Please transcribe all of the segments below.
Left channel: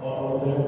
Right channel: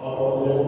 اور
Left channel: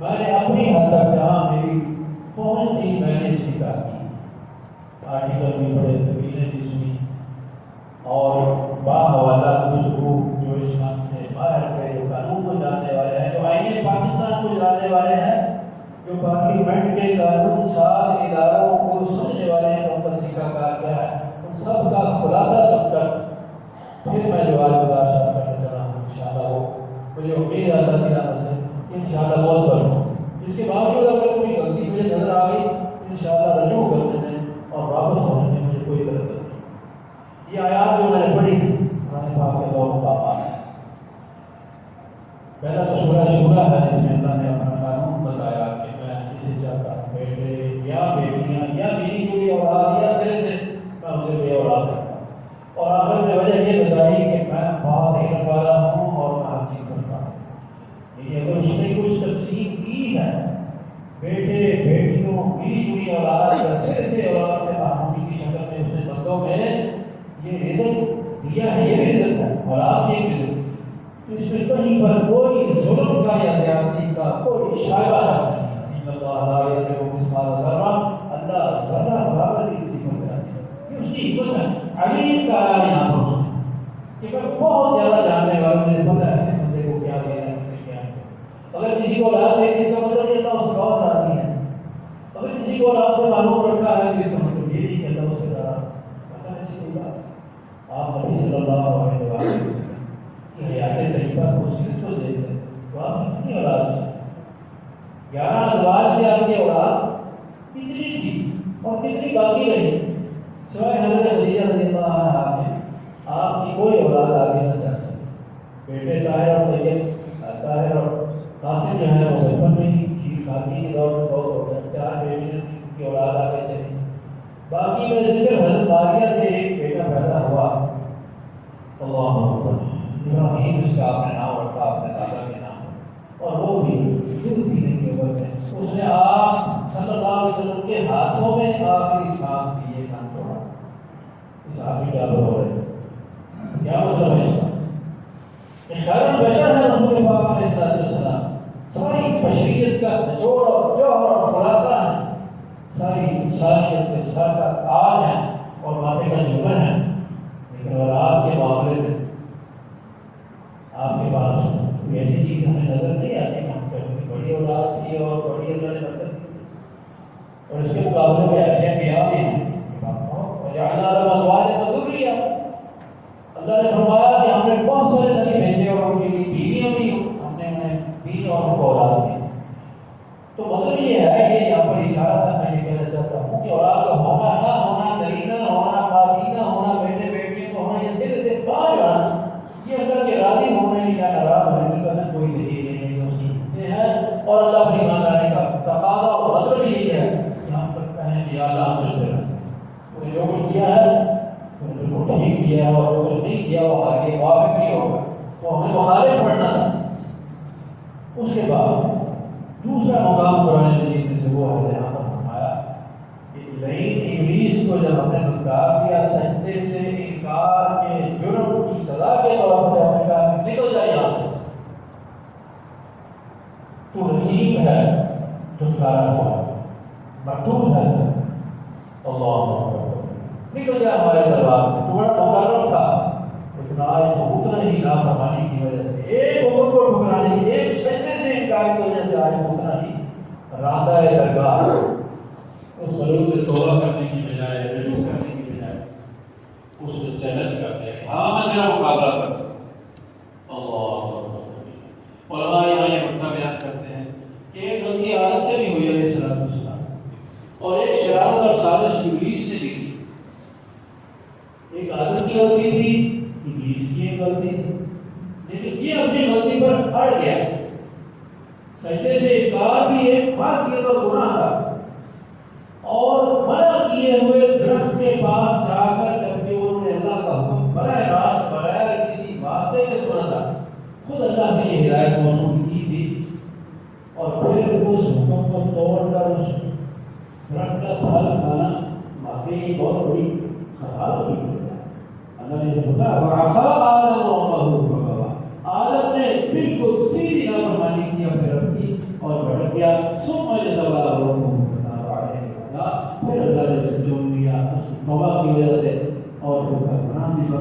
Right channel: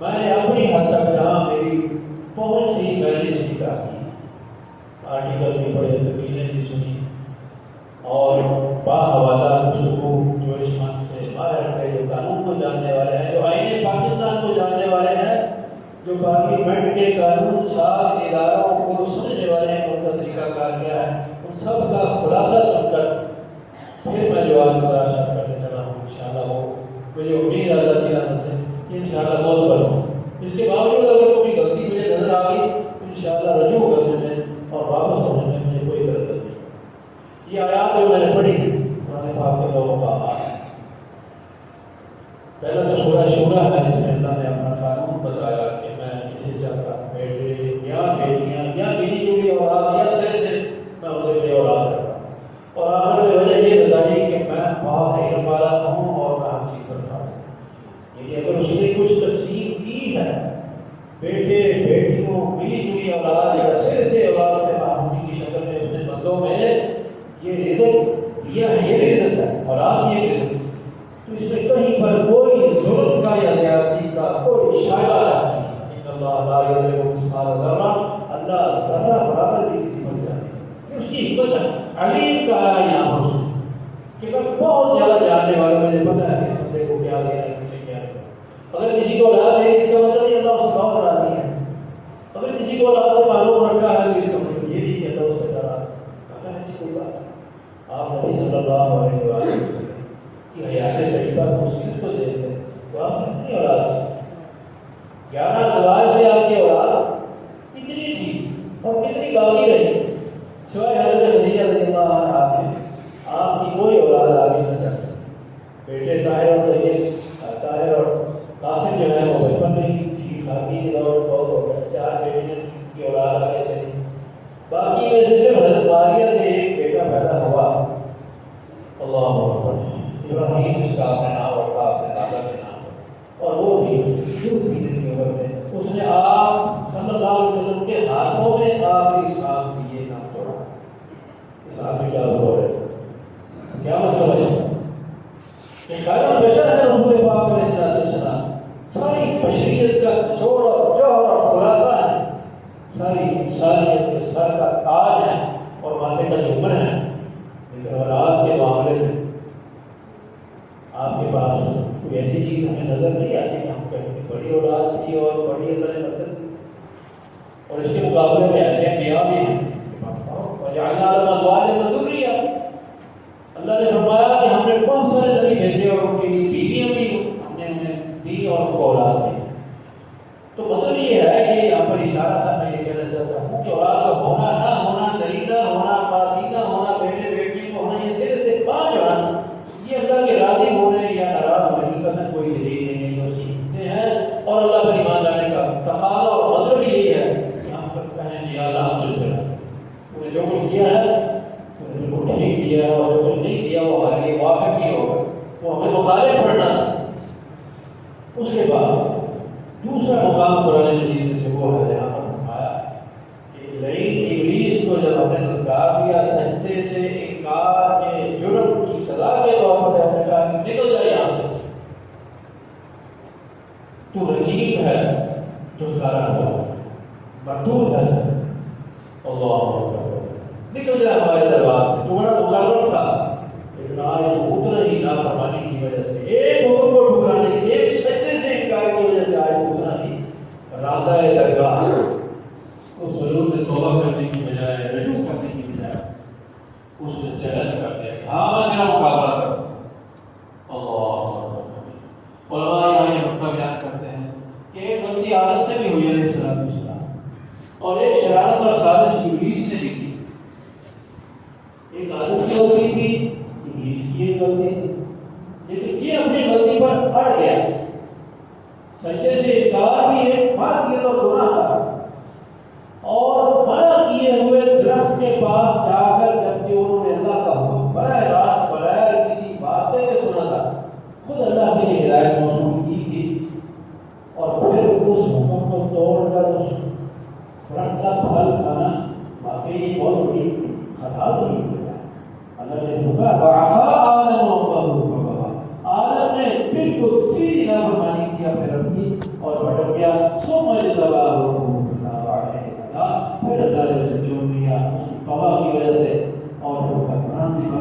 میں نے اپنی حد تک کرنی پڑے تقریریں بھی سنی اور باحوالہ گفتگو جو اس من سے باہر ہے، جو قانون کو جاننے والے ہیں، جو آئین پاکستان کو جاننے والے ہیں، جو پارلیمنٹ کے قانون ساز اداروں کو سمجھنے والے ہیں ان کا طریقہ کار کیا ہے، ان سب کا خلاصہ سن کر پھر میں جو آج خلاصہ کرنے چلا ہوں انشاءاللہ وہ مجھے امید ہے اللہ کی رحمت سے انشاءاللہ بہت کروں. اس کے باوجود اگر کوئی غلطی مجھے نظر آ گئی انشاءاللہ رجوع کرنے میں اور واپس ہونے میں مجھے کوئی دقت نہیں. یہ آیات جو میں نے پڑھی قرآن پاک کے دو مقامات ہیں. پہلا تو سورہ شورى ہے جس میں اللہ نے اپنا قانون بتایا کہ میں کسی چاہتا بیٹے یا بیٹیاں یا ملی جلی اولاد یا سرے سے میں اسے بے اولاد کرتا ہوں. اور آخر میں وجہ یہ بتائی کہ میں بہت علم والا ہوں اور میں ہر چیز کرتا ہوں. لیکن اگر اس نے کچھ تقسیم کی ہے بیٹے بیٹیوں ملی جلی اولاد یا سرے سے اولاد سے باہمی کی شکل میں اس نے بندوں میں یہ رزق دیا ہے، یہ رزق ہے اولاد یہ رزق، تو اس میں کہیں پر کوئی ظلم کا یا زیادتی کا کوئی شائبہ نہیں. ان اللہ لا یظلم مثقال ذرہ، اللہ ذرہ برابر بھی کسی کو جانتا ہے. یہ اس کی حکمت ہے. علیم کا یہاں پر کہ میں بہت زیادہ جاننے والا، مجھے پتا ہے کس بندے کو کیا دیا ہے کسے کیا ہے. اگر کسی کو اولاد ہے اس کا مطلب یہ اللہ اس کا بہت راضی ہے. اگر کسی کو اولاد سے معلوم رکھا ہے اس کا مطلب یہ نہیں کہ اللہ اس سے ناراض ہے. ایسی کوئی بات ہے. آپ نبی صلی اللہ علیہ وسلم کی حیات طیبہ کو صرف تو دیتے ہیں تو آپ کتنی اولاد ہے؟ 11 ازواج سے آپ کی اولاد کتنی تھی اور کتنی باقی رہی؟ سوائے حضرت خدیجہ رضی اللہ عنہا سے آپ کی کوئی اولاد آگے نہ چل سکتی. بیٹے طاہر اور طیب، طاہر اور قاسم جو ہے وہ بچپن میں ہی شادی کے دور بہت ہو گئے، 4 بیٹیاں کی اولاد آگے چلی. باقی میں صرف حضرت ماریہ سے ایک بیٹا پیدا ہوا. اللہ اکبر. ابراہیم اس کا اپنے نام رکھا، اپنے دادا کے نام، اور وہ بھی دن کی عمر میں اس نے آپ صلی اللہ علیہ وسلم کے ہاتھوں میں آخری سانس کی یہ نام توڑا. اس آدمی کا ہو رہے کیا مطلب ہے اس کا؟ کہ خیر البشر ہے رسول پاک علیہ السلام. ساری بشریت کا نچوڑ اور جوہر اور خلاصہ ہے. ساری انسانیت کے سر کا تاج ہے اور ماتھے کا جھومر ہے. لیکن اولاد کے معاملے میں آپ کے پاس کوئی ایسی چیز ہمیں نظر نہیں آتی کہ ہم کہیں بڑی اولاد تھی اور بڑی اللہ نے برکت دی. اور اس کے مقابلے میں ایسے انبیاء بھی ہیں وجعلنا لهم ازواجا وذرية. اللہ نے فرمایا کہ ہم نے بہت سارے نبی بھیجے اور ان کی بیویاں بھی ہم نے انہیں دی اور ان کو اولاد دی. تو مطلب یہ ہے کہ یہاں پر اشارہ تھا، میں یہ کہنا چاہتا ہوں کہ اولاد کا ہونا نہ ہونا، دریدہ ہونا، پاکیزہ ہونا، بیٹے بیٹیوں کو ہونا، یہ سر سے باز ہونا، یہ اللہ کے راضی ہونے یا ناراض ہونے کا کوئی دلیل نہیں ہے. سیکھتے ہیں اور اللہ پر ایمان لانے کا تقاضا اور مطلب یہی ہے کہ ہم پر کہیں کہ اللہ ہم سے انہوں نے جو کچھ دیا ہے انہوں نے بالکل ٹھیک دیا ہے، اور جو کچھ نہیں دیا وہ ہمارے موافق ہی ہوگا، وہ ہمیں مخالف پڑھنا تھا. اس کے بعد دوسرا مقام قرآن مجید میں سے وہ ہے جہاں پر فرمایا کہ لعین ابلیس کو جب ہم نے دھتکار دیا، سجدے سے انکار کے جرم کی سزا کے طور پر جب نے کہا نکل جائے یہاں سے، تو رجیم ہے، دھتکارا ہوا مردود ہے. اللہ اکبر. نکل جائے ہمارے دربار سے. تو بڑا مقرر تھا، لیکن آج اتنا ہی نافرمانی کی وجہ سے، ایک حکم کو ٹھکرانے کی، ایک سجدے سے انکار کی وجہ سے آج اتنا ہی راندہ درگاہ اس ضرورت سے توبہ کرنے کی بجائے، رجوع کرنے کی بجائے اس سے چیلنج کرتے ہیں. ہاں میں میرا مقابلہ کرتا ہوں. اللہ علماء یہاں یہ نقطہ بیان کرتے ہیں کہ ایک غلطی عادت سے بھی ہوئی علیہ السلام اور ایک شرارت اور سازش ابلیس نے کی. ایک عادت کی غلطی تھی، ابلیس کی ایک غلطی تھی، لیکن یہ اپنی غلطی پر اڑ گیا. سجدے سے انکار بھی ایک معصیت اور گناہ تھا، اور منع کیے ہوئے درخت کے پاس جا کر جبکہ انہوں نے اللہ کا حکم براہ راست بغیر کسی واسطے کے سنا تھا، خود اللہ نے یہ ہدایت موصول کی تھی، اور پھر اس حکم کو توڑ کر اس درخت کا پھل کھانا واقعی بہت بڑی خطا ہوئی. اللہ نے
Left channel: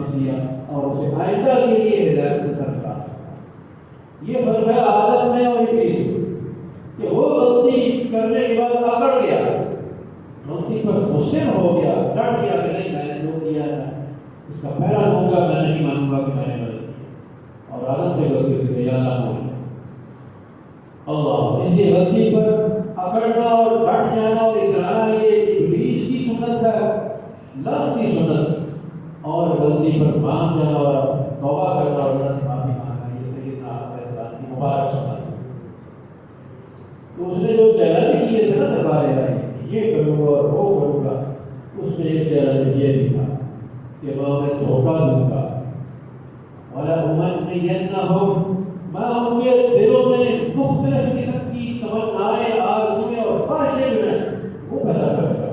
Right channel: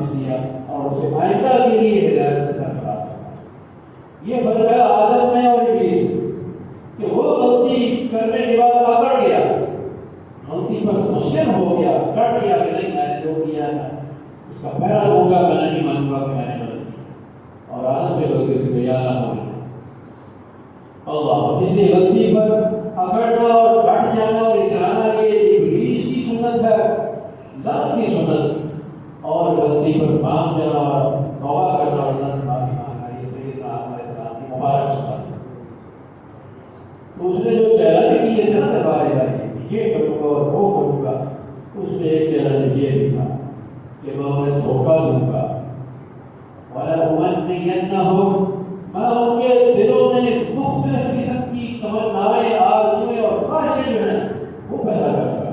واپس لیا اور اسے آئندہ کے لیے ہدایت سے سرکار. یہ فرق ہے عادت میں اور ابلیس کہ وہ غلطی کرنے کے بعد اکڑ گیا، غلطی پر مصر ہو گیا، ڈٹ گیا کہ نہیں میں نے جو کیا ہے اس کا پہلا دوں گا، میں نہیں مانوں گا کہ میں نے غلطی کی، اور عادت سے غلطی سے بیان نہ ہو. اللہ اس لیے غلطی پر اکڑنا اور ڈٹ جانا اور اترانا یہ ابلیس کی سنت ہے، نفس کی سنت، اور غلطی پر مان جانا اور توبہ کرنا اور اللہ سے معافی مانگنا یہ سیدنا علیہ السلام کی مبارک سنت ہے. تو اس نے جو چیلنج کیے تھے نا دربار الہی یہ کروں گا اور وہ کروں گا، اس میں ایک چیلنج یہ بھی تھا کہ میں دھوکہ دوں گا وَلَأُمَنِّيَنَّهُمْ میں ان کے دلوں میں مختلف قسم کی تمنائیں، آرزوئیں اور خواہشیں جو ہیں وہ پیدا کروں گا،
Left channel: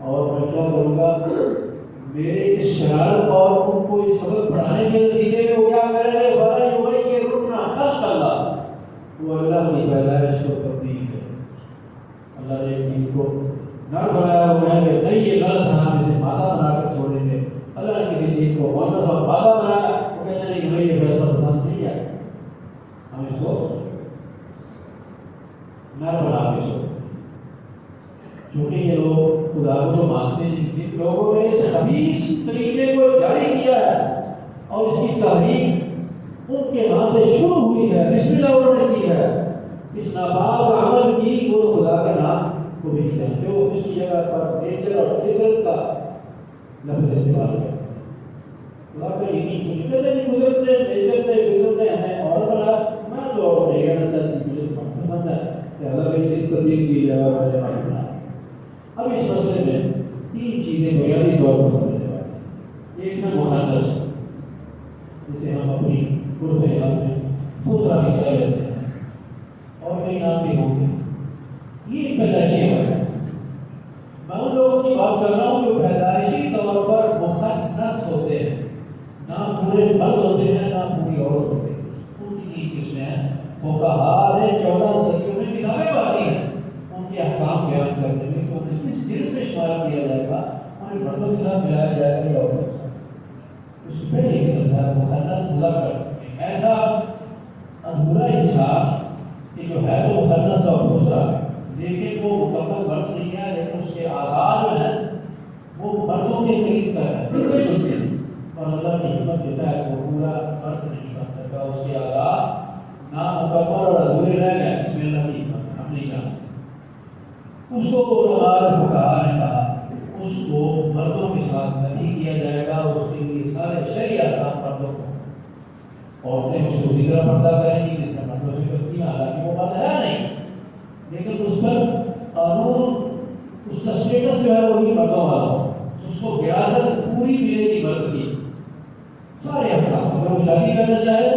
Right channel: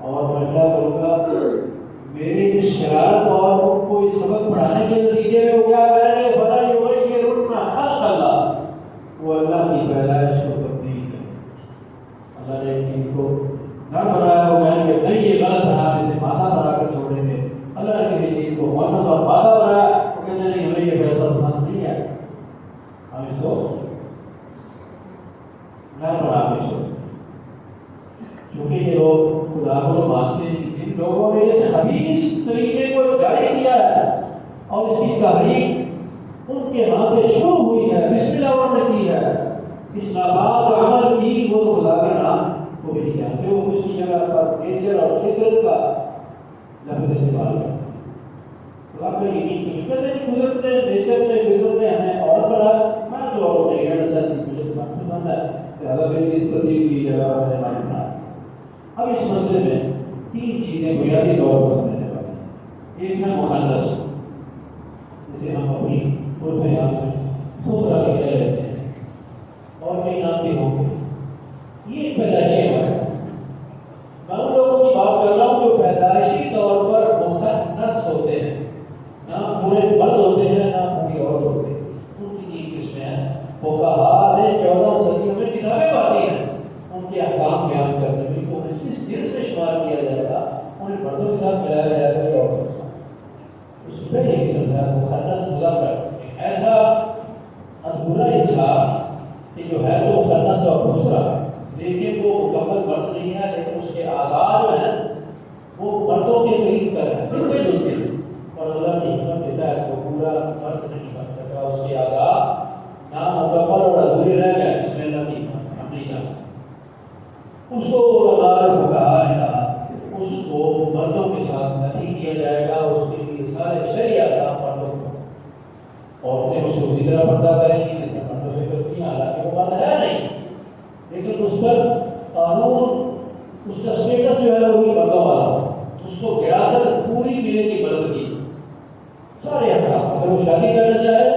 اور میں کیا کروں گا میری اس شرارت اور ان کو اس سبق پڑھانے کے نتیجے میں وہ کیا کریں گے بڑا جو ہے کہ رکنا خلق اللہ، وہ اللہ کی پیدائش کو تبدیل ہے. اللہ نے ایک چیز کو نر بنایا وہ کہیں گے نہیں یہ غلط ہے ہم اسے مادہ بنا کر چھوڑیں گے. اللہ نے کسی چیز کو مونس اور مادہ بنایا وہ کہتے ہیں نہیں ہمیں یہ فیصلہ پسند نہیں ہے، ہم اس کو نر بنا کے چھوڑیں. کیونکہ یہ لوگ خدا کو مانتے نہیں، جن لوگوں نے اس خبیث طریقے کو جاری کیا ہے اور اس کی تحریک ان کے ہاں سے شروع ہوئی ہے، بسم اللہ انہوں نے کی ہے، اس ناپاک عمل کی وہ خدا کا نام کو بھی نہیں جانتے، وہ اس کی جگہ پر نیچر اور فطرت کا لفظ استعمال کرتے ہیں. خدا کا یقین گزرتے نیچر سے گزرتے ہمیں اور بنا میں جو اور نہیں ہے مجھے پسند ہے کہ اللہ کی اس تبدیل کی جگہ پر بنا. اب اس مسئلے میں تین چیزیں بنیادی طور پر سمجھنے والے. ایک ہے مخنث جسے ہم اپنی یہاں میں دوسرا حصہ لیتے ہیں اور کئی نام بھی ہوں گے. یہ پیدائشی ہے، میں ان لوگوں کی بات کر رہا ہوں جو پیدائشی طور پر مخنث ہوتے ہیں، نہ پورے مرد ہوتے ہیں نہ پوری عورت ہوتے ہیں. ان کی تین قسمیں ہیں. فقہاء نے 14 صدیوں میں کتابیں پڑھی ہیں ان کے احکام بیان کرنے میں تو اس جنس میں شمار کیا جائے گا، انہیں مردوں کے ساتھ ملایا جائے گا یا عورتوں کے ساتھ. اس پہ یہ قسم ہے مخنث مذکر، ایسا ادھورا انسان کہ جو ہے وہ مخنث اور دوسرا لیکن وہ مکمل مرد نہیں ہے، لیکن اس کے آغاز جو ہیں وہ مردوں کے قریب پر ہیں ملتے جلتے ہیں، اور اللہ کی حکمت دیتا ہے وہ پورا مرد نہیں بن سکا، اس کے آغاز نامکمل اور ادھورے رہ گئے. اس میں اللہ کی حکمت ہم نہیں جانتے. اس کو اللہ نے کہا اس کو مردوں کے ساتھ نہیں کیا جائے گا، اس کے لیے سارے شریعت مردوں کو، عورتیں اس کو اسی طرح پردہ کریں گی جس طرح مردوں سے کرتی ہیں، حالانکہ وہ بات ہے نہیں، لیکن اس پر قانون اس کا اسٹیٹس جو ہے وہ بھی مردوں والا، اس کو وراثت پوری ملے گی مرد کی. سارے احکام اگر وہ شادی کرنا چاہے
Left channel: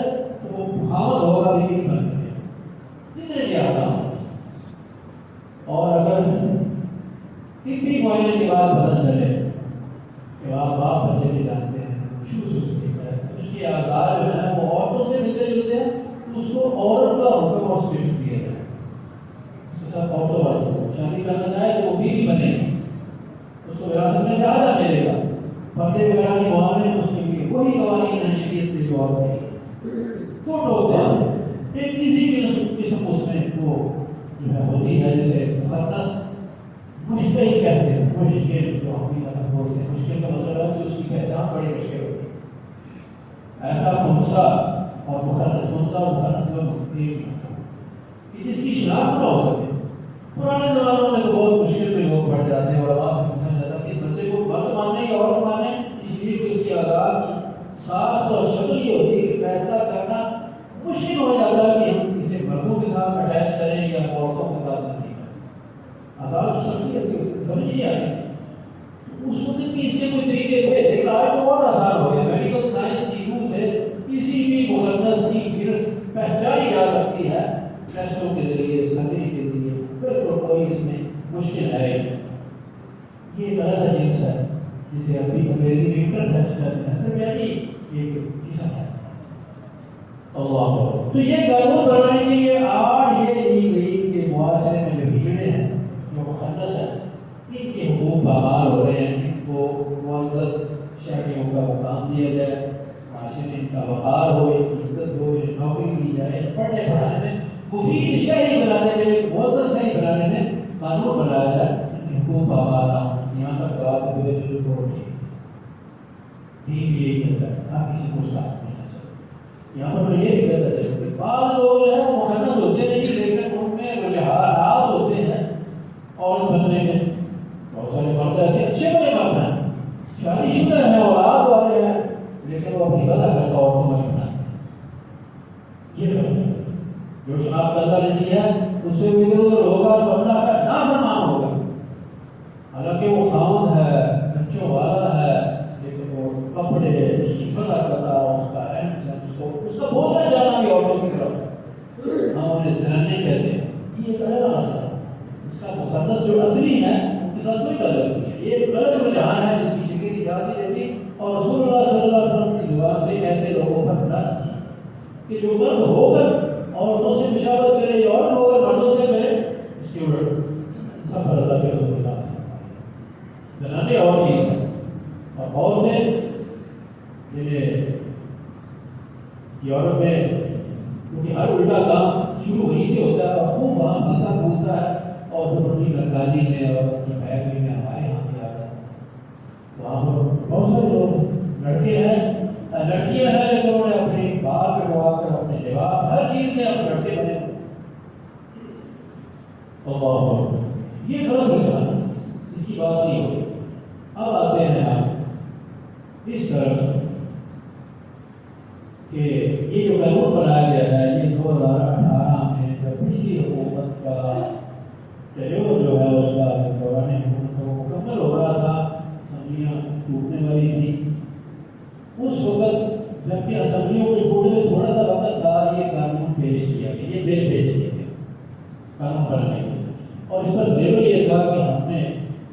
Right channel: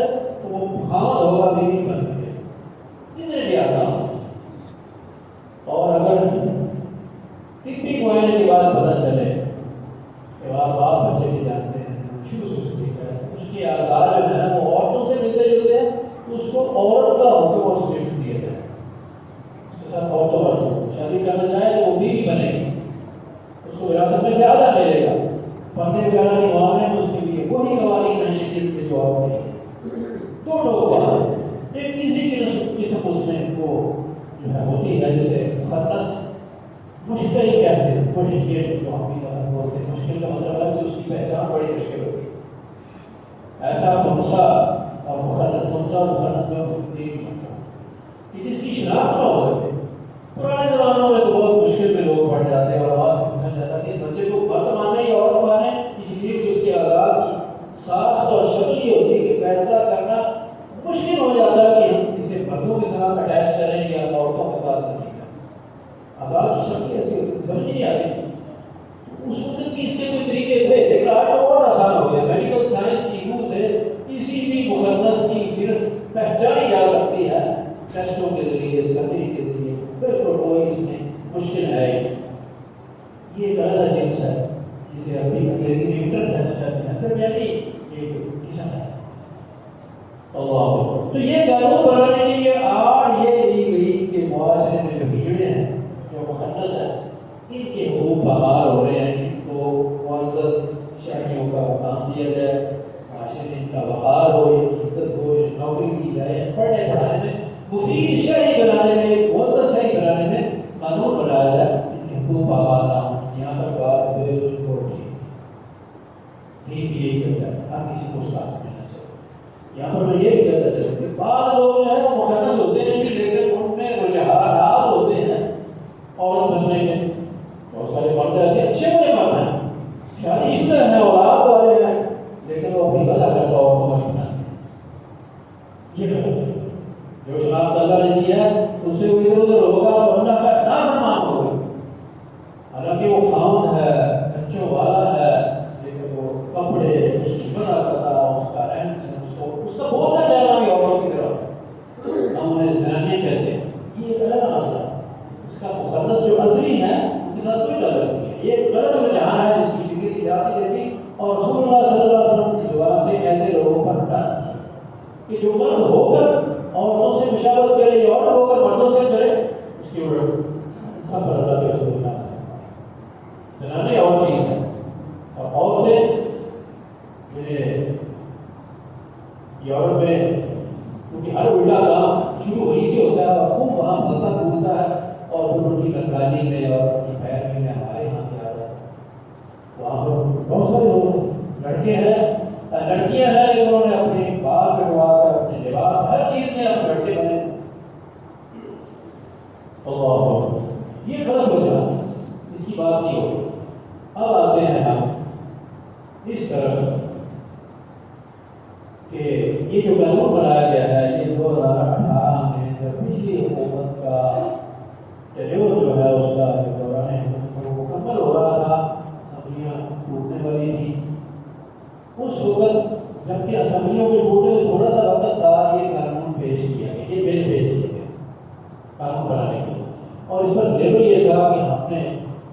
تو وہ خامد ہوگا لیکن بن سکے جتنے بھی احکام. اور اگر کتنی معائنے کے بعد پتہ چلے کہ باپ بچے بھی جانتے ہیں اس کی آزاد جو ہے وہ عورتوں سے ملتے جلتے ہیں تو اس کو عورت کا حکم اور صرف دیا جائے، اس کے ساتھ عورتوں والوں شادی کرنا چاہے تو وہ بھی بنے گی، اس کو وراثت میں زیادہ ملے گا. پردے وغیرہ کے معاملے میں اس کے لیے وہی قوانین شریعت کے جواب ہے. دونوں ایک تیسری قسم اس میں وہ جو ہے ہوتی ہے جیسے مخنث مشکل کہتے ہیں، مشکل جو ہم بھی بولتے ہیں، مشکل کا مطلب ہے کہ اس کی پہچان بڑی مشکل ہوتی ہے. ایسا خنثی اور مخنث مخنث جو جس کی شناخت نہ ہو سکے. پرانے زمانوں میں تو بہت مشکل میں لوگ پڑ جاتے ہیں اور آواز سے پوچھا جاتا ہے کہ بچے کو مرد مانے یا عورت مانے، اس لیے کہ اس کی آزاد ساخت اور شکل یہ ہوتی ہے کہ فیصلہ کرنا مشکل ہو جاتا ہے کہ ہم اسے مردوں کے ساتھ اٹیچ کریں یا عورتوں کے ساتھ نہیں کریں. عدالت سمجھ ایسی سمجھ نہیں آتی. اس وقت کی اس کے کوئی طریقے تھے لیکن آج تو بہت آسان ہو گیا. میڈیکل سائنس کی روح سے کسی بھی مخنث کی جنس پہچانی جا سکتی ہے ٹیسٹوں کے ذریعے، سرجری کے ذریعے. بالکل کوئی اس میں مشکل ہے. یہ ایک الگ جنس ہے جسے ابھی انگریزی میں انٹرسیکس کہتے ہیں، یعنی ایک قسم ہے. اللہ تو یہ قانون بنانے کے لیے آج یہ لی گئی کہ معاشرے میں جو بگڑے ہیں جو مخنث ہیں ان کے حقوق بحال ہو رہے ہیں، ان کو معزز اسے کوئی ادھر ادھر ہوگا تو اللہ کا نافرمان ہوگا. حالانکہ وہ خاوند ہے، بچوں والا ہے، لیکن وہ کپڑے بنا کرتا اس کا رہن سہن اس کا بولنا چاہنا بھی عورتوں کی طرف ہم انہیں زنانے کہتے ہیں. یہ ایک الگ مسئلہ ہے. اس کا مقدس جو اصلی ہے ان کے ساتھ کوئی تعلق نہیں ہے. یہ ایک غلط رجحان ہے جس کی شکل کی جاتی رہتی اور رسول اللہ صلی اللہ علیہ وسلم کی زبان سے ایسے لوگوں پر رد کہ جو مرد ہو کر عورتوں سے مشاورت کرے یا عورت ہو کر مردوں سے کرے اس کی سفر اللہ کے رسول اللہ زنانے اور چیز ہے. اور عورتیں جنہیں یورپ میں کیونکہ ہر الٹا کام شروع وہیں سے ہوتا ہے اور خوب وہاں پتہ پھولتا ہے اور پھر ان کی نقالی میں اور ان کی بیان میں ہمارے یہاں کیا رہا ہے وہاں پر بہت سارے لوگ لڑکے ہیں لڑکیاں ہیں لیکن انہوں نے اپنے بال کٹوا کر اپنے لباس ہر چیز میں اپنے لڑکے بنے. اور یہ غلط ہو جاتا ہے، اس کی بات نہیں ہوگی. اب آتے ہیں ہم اس طرف کہ یہ جو قانون بنایا گیا ہے یہ 2018 میں جب پچھلی حکومت کا تجربہ جو ہے اس کا دوران مکمل ہو رہا تھا، اسمبلیاں ٹوٹنے والی تھی، اس وقت جبکہ اسمبلیوں کے ٹوٹنے تھوڑا سا وقت تھا یہ قانون پیش کیا گیا، یہ بل پیش کیا گیا قانون بنانے کے لیے. اور اس پر لیول یہ تھا کہ ہم نے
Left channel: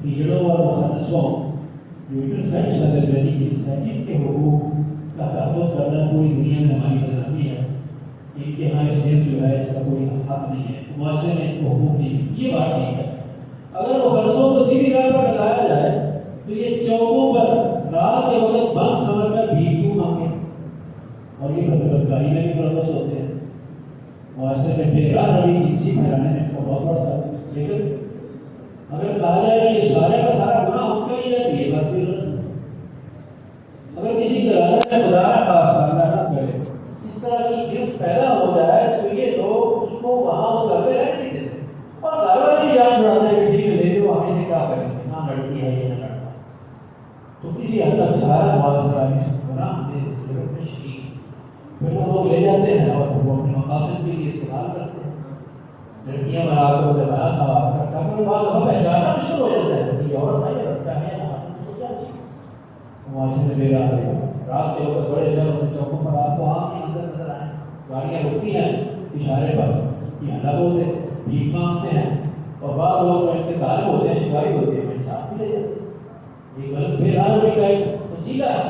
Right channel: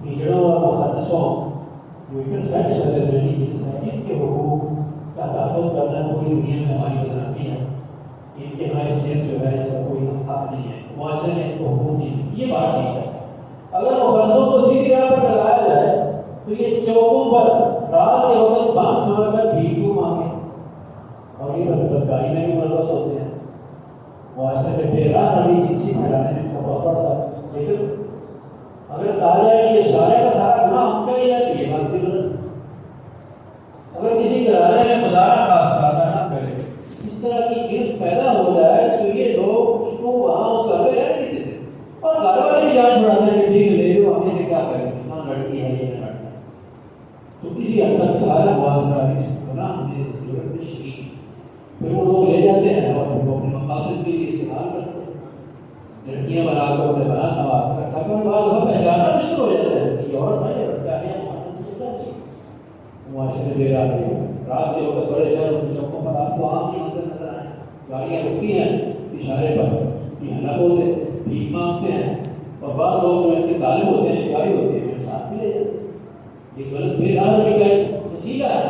ہجڑوں اور مخلصوں جو ان کے حقوق کا تحفظ کرنا پوری دنیا میں ہماری ضروری ہے. ان کی حیثیت جو ہے اس کا کوئی حق نہیں ہے، معاشرے میں ان کو حقوق نہیں. یہ بات ٹھیک ہے. اگر مخلصوں کو سیدھی راہ پر لگایا جائے تو یہ چوکوں پر رات کے وقت بند سمجھ کر بھیک کیوں مانگے؟ اور یہ بدکاری میں بھی ملوث ہوتے ہیں. معاشرے میں بے راہ نڑی جنسی پھیلانے میں ان کا بہت بڑا ہے. لیکن اگر کہا جائے کہ یہ سارے کا سارا گناہ ہم کیا جاتی ہے بات کی ضرورت. اگر کسی گھرانے میں گزارا خاص نہ کرے اس طرح کی گرفت پیدا ہو جائے تو یہ لوگ اس کو وہاں اس گھر پہ رہنے نہیں دیتے اور گھر والے بھی جان چھڑاتے ہیں کہ ٹھیک لے جو ہمیں سے کیا کریں نہ لڑکی ہے یہ نہ لڑکا. تو کسی حد تک سارا معاشرہ گناہ ہمیں ضرورت نہیں شریک. پھر وہ لوگ لے جاتے ہیں اور پھر وہ اپنے مقاصد کے لیے استعمال کرتے ہیں. لڑکیاں بنا کر انہیں بنا سوال کرتا ہے بعد پہچانا مشکل ہو جاتا ہے کہ اور نہیں لڑتا ہے معاشرے میں لے جاتے ہیں. رات کے وقت بڑے شہر چوکوں پر آپ کو عام کی نظر نظر آئے گاڑیاں رکتی ہیں اشارے پر یہ نہ بولتے بھیک مانگتے ہیں اور بعض لوگ جو ان کے طالب ہوتے ہیں شکاری ہوتے ہیں ساتھ میں لے جاتے ہیں. یہ غلط بھی کا ایک وسیلہ ہے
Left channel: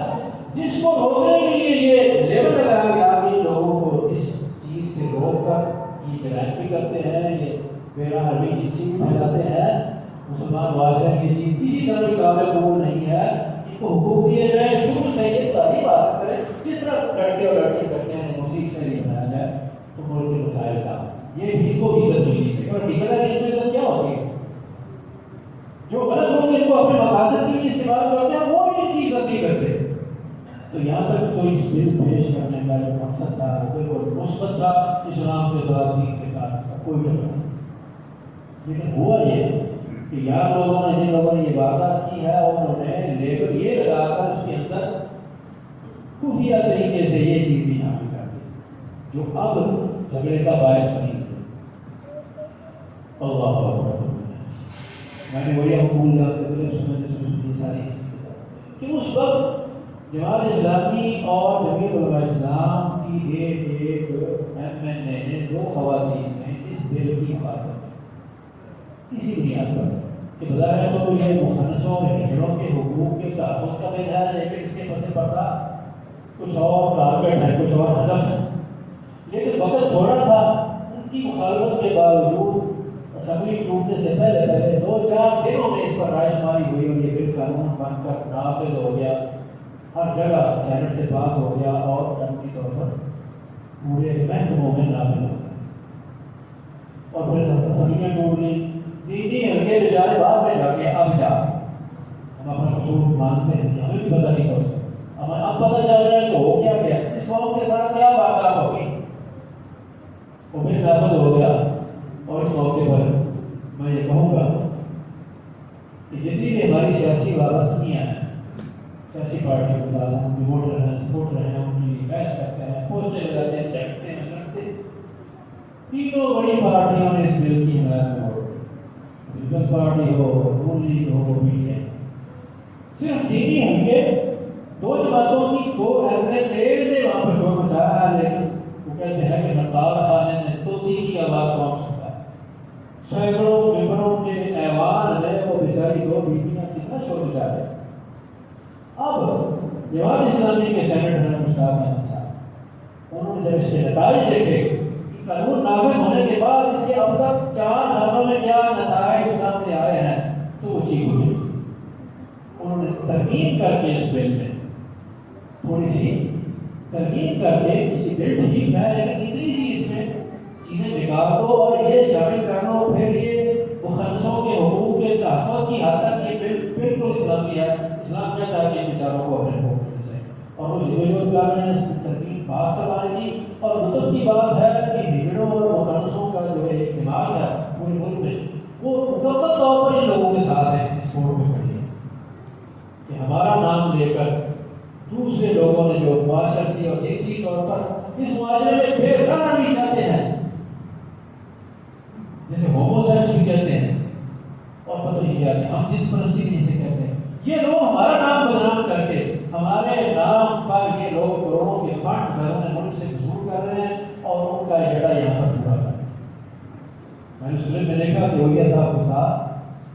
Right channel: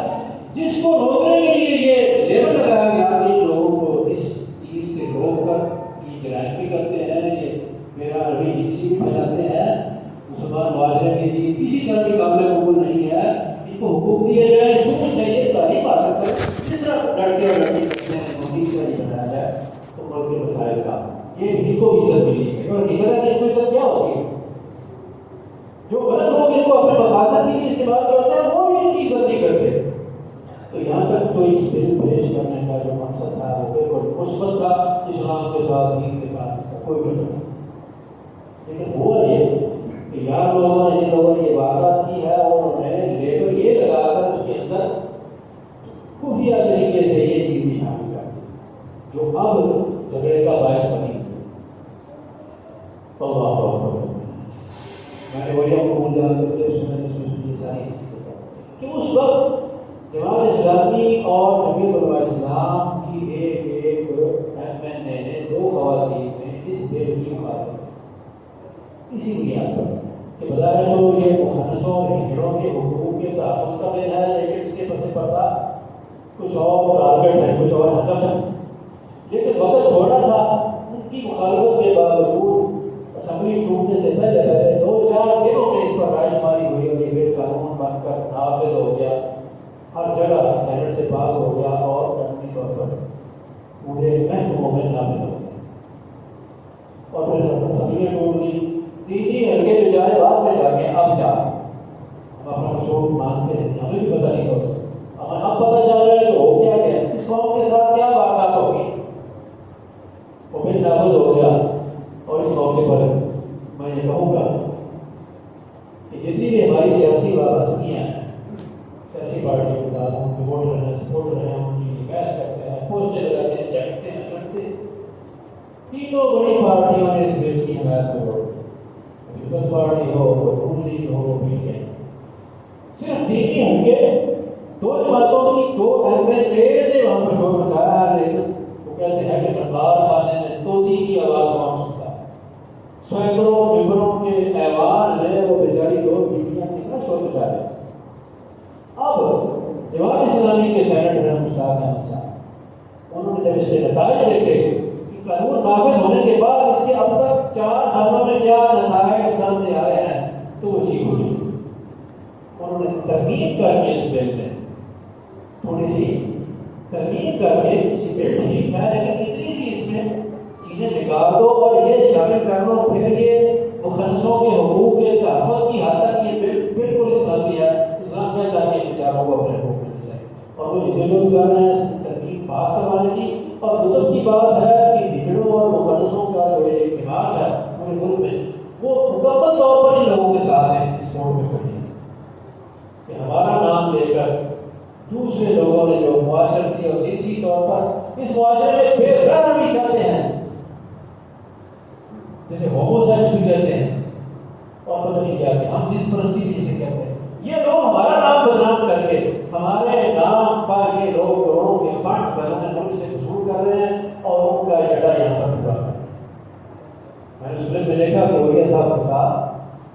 جس کو روکنے کے لیے یہ لیبل لگایا گیا کہ لوگوں کو اس چیز سے روک کر یہ جرائم بھی کرتے ہیں یہ میرا ابھی جنسی بھی پھیلاتے ہیں. مسلمان معاشرے کی چیز کسی طرح کی قابل قبول نہیں ہے. ان کو حقوق دیے جائیں شروع سے یہ تعلیم حاصل کریں جس طرح لڑکے اور لڑکی کرتے ہیں نوٹس سے نہیں بنایا جائے تو ملک کے مسائل کا یہ بھی کو بھی عزت ملی ہے. اور نکلا کہ ان کو عزت کیا ہوتی ہے جو غلط لوگ ان کو اپنے مقاصد کے لیے استعمال کرتے ہیں وہ بھی ان کی عزت نہیں کرتے. تو یہاں تک تو اس بل پیش کرنے کا جو مقصد تھا وہ بالکل مثبت تھا. اسلام کے ساتھ دین کے ساتھ کوئی ڈر نہیں. لیکن ہوا یہ کہ یار لوگوں نے جن لوگوں نے یہ واردات کی ہے اور انہوں نے لیبل یہ لگا کر اس کے اندر خفیہ طریقے سے یہ چیز بھی شامل کر دی جو اب جھگڑے کا باعث بنی. اللہ اکبر. میں نے وہی آپ کو بھول جاتا تھا اس میں یہ ساری کہ اس وقت جماعت اسلامی اور جمعیت علماء اسلام کی ایک MNA نے 2 خواتین نے اس بل کی مخالفت اسی بنیاد پر کہ بظاہر تو یہ مخلصوں اور ہجڑوں کے حقوق کے تحفظ کا بل ہے لیکن اس کے پتے پڑتا کچھ اور ٹارگیٹ ہے کچھ اور ہدف ہے. لیکن وقت تھوڑا تھا. ان کی مخالفت کے باوجود اسمبلی ٹوٹنے سے پہلے 2-4 دنوں میں اس پر رائے شماری ہوئی اور یہ بل قانون بن کر نافذ ہو گیا. ہر جگہ سینٹ سے پاس ہو گیا اور قانونی طور پر پورے محکموں میں نافذ ہو گیا. اور پھر اسمبلیاں ٹوٹ گئی. 3 ہلکے بیچارے بعد میں جا کے اب جا ہم اپنا چھوٹ مانتے ہیں ہمیں بھی پتہ نہیں ہوتا. ہمیں اب پتہ چل رہا ہے کہ ہو کیا گیا اس قوم کے ساتھ کیا واقعات ہوگی. تو پھر نافذ ہو گیا. اور اس موقع پر میں یہ کہوں گا کہ جتنی بھی ہماری سیاسی وابستگیاں ہیں سیاسی پارٹیوں کے ساتھ ہم جو ووٹ رہے ہیں سپورٹ رہے ہیں ان کی بحث کرتے ہیں پوسٹر لگاتے ہیں چیکتے ہیں کرتے ہیں. تینوں بڑی پارٹیوں نے پیپلز پارٹی ہو، نون لیگ ہو، پی ٹی ایم، صرف دینی حلقے دو جماعتوں کی دو MLA نے وہاں پر شور مچایا ہے، لیکن وہ کہتے ہیں کہ نقاب خانے میں طوطی کی آواز کون سنتا ہے؟ سینکڑوں ممبروں کے ایوان ہے، وہ بیچاری دو بیٹیاں کتنا شور مچا رہے ہیں۔ اب جماعت اسلامی کے سینیٹر مشتاق احمد صاحب، انہوں نے جب اس کے نتائج دیکھے کہ قانون نافذ ہونے کے بعد اس کے اب تک 4 سالوں میں کیا نتائج سامنے آئے ہیں، تو وہ ٹھیک ہوئی۔ انہوں نے ترمیم کر کے اس بل میں تھوڑی سی ترمیم کر کے کسی بل ٹھیک ہے، لیکن اتنی سی اس میں چیزیں نکال دو اور یہ شامل کر لو، پھر یہ مخلصوں کے حقوق کے تحفظ کی حد تک یہ بل بالکل اسلامی ہے۔ اسلام میں تاکہ بیچاروں کو اپنے حقوق مل جائے، اور وہ جو کر رہے ہیں اس کی ترکیب بات کروانے کی۔ اور مطلب کی بات ہے کہ ہجڑوں اور مخلصوں کا جو اعتماد ہے پورے ملک میں، وہ مکمل طور پر ان لوگوں کے ساتھ ہے، اس فورم میں کھڑی ہے کہ ہمارا نام لے کر دوسرے لوگوں نے جو معاشرتی اور جنسی طور پر اس معاشرے میں بے قراری چاہتے ہیں، جیسے ہومو سیکس بھی کہتے ہیں اور پتہ نہیں کہتے ہیں، ہم جس پرستی جسے کہتے ہیں، یہ لوگ ہمارا نام بدنام کر کے ہمارے نام پر یہ لوگ کروڑوں کے فنڈ گھروں میں ملک سے وصول کر رہے ہیں اور ان کا اجنڈا یہاں پر پورا کر رہے ہیں۔ میں نے سننے میں دیکھا کہ رویہ صاحب کے ساتھ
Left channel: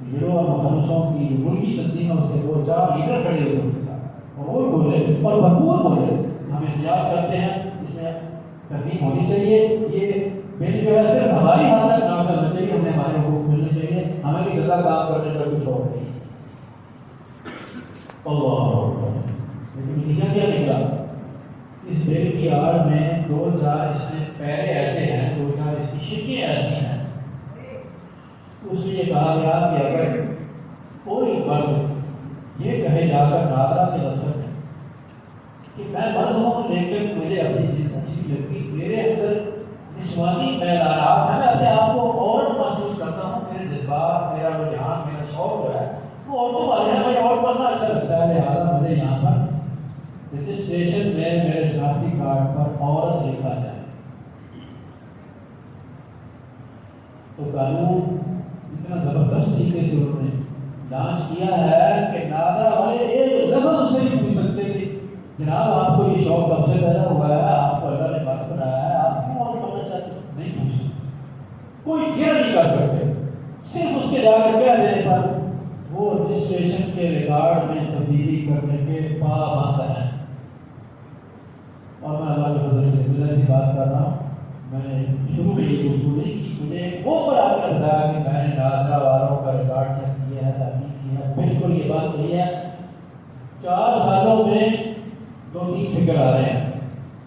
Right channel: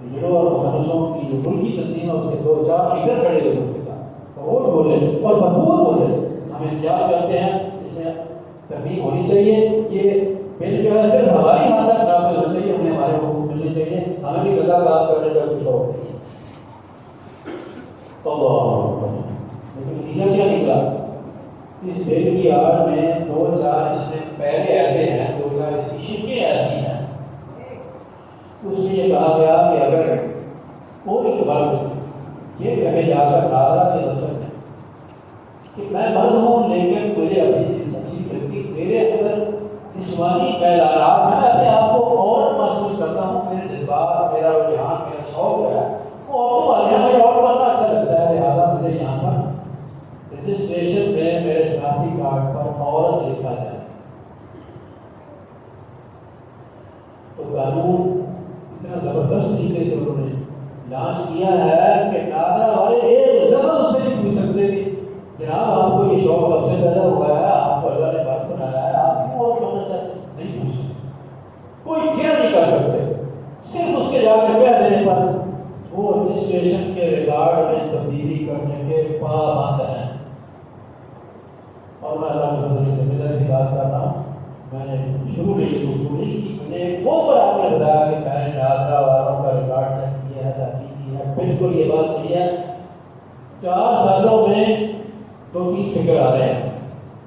ہیرو اور مخلصوں کی جو ملکی تنظیم ہے اس کے 2-4 لیڈر کھڑے ہوئے ان کے ساتھ، اور وہ بولے اور بھرپور بولے ہم انتظار کرتے ہیں اس میں ترمیم ہونی چاہیے، یہ بل جو ہے صرف ہماری حد تک کام کرنا چاہیے، ہمیں ہمارے حقوق ملنے چاہیے، ہمیں بھی غلط کام کرنے کا کچھ شوق نہیں۔ لیکن نتیجہ کیا نکلا؟ اس بل کی آڑ میں 2-4 اس میں پہلے ایسے ہیں، 2-4 اس کی شرکیں ایسی ہیں۔ اس میں یہ کہا گیا کہ اگر کوئی فرد یہ کہے جا کر ناظرہ کے مطلب کہ میں مرد ہوں لیکن مجھے اپنی چیز اچھی لگتی، میرے اندر جسمانی میلانات ہیں، میں اپنے آپ کو عورت محسوس کرتا ہوں، میرے جذبات، میرا رجحان، میرا شوق جو ہے وہ عورتوں والے ہیں، مجھے عورت بننا اچھا لگتا ہے، لہٰذا مجھے یہاں پر رجسٹریشن میں میرے شناختی کارڈ پر عورت لکھا جائے۔ تو قانون اتنا زبردست طریقے سے انہوں نے لانچ کیا ہے کہ ناظرہ والے ایک لفظ اس سے نہیں پوچھ سکتے کہ جناب آپ کو یہ شوق کب سے پیدا ہوا ہے، آپ کو اللہ نے وقت بنایا ہے، آپ کیوں اور بننا چاہتے ہیں، نہیں پوچھ سکتے، کوئی کیا نہیں کر سکتے، صرف اس کے جا کر کہہ دینے پر وہ رجسٹریشن کے ریکارڈ میں تبدیلی کرنے کے پابند ہیں۔ اور میں اللہ کے فضل سے ملت سے بات کر رہا ہوں، میں نے شروع میں یہ اصول نہیں کی، مجھے بہت بڑا عقل بتایا کہ میں نے ناظرہ والوں کا ریکارڈ چیک کیا ہے، تحقیق کی ہے، بالکل یہ بات صحیح ہے۔ 4 سالوں میں 2-3 فگر آ رہے ہیں،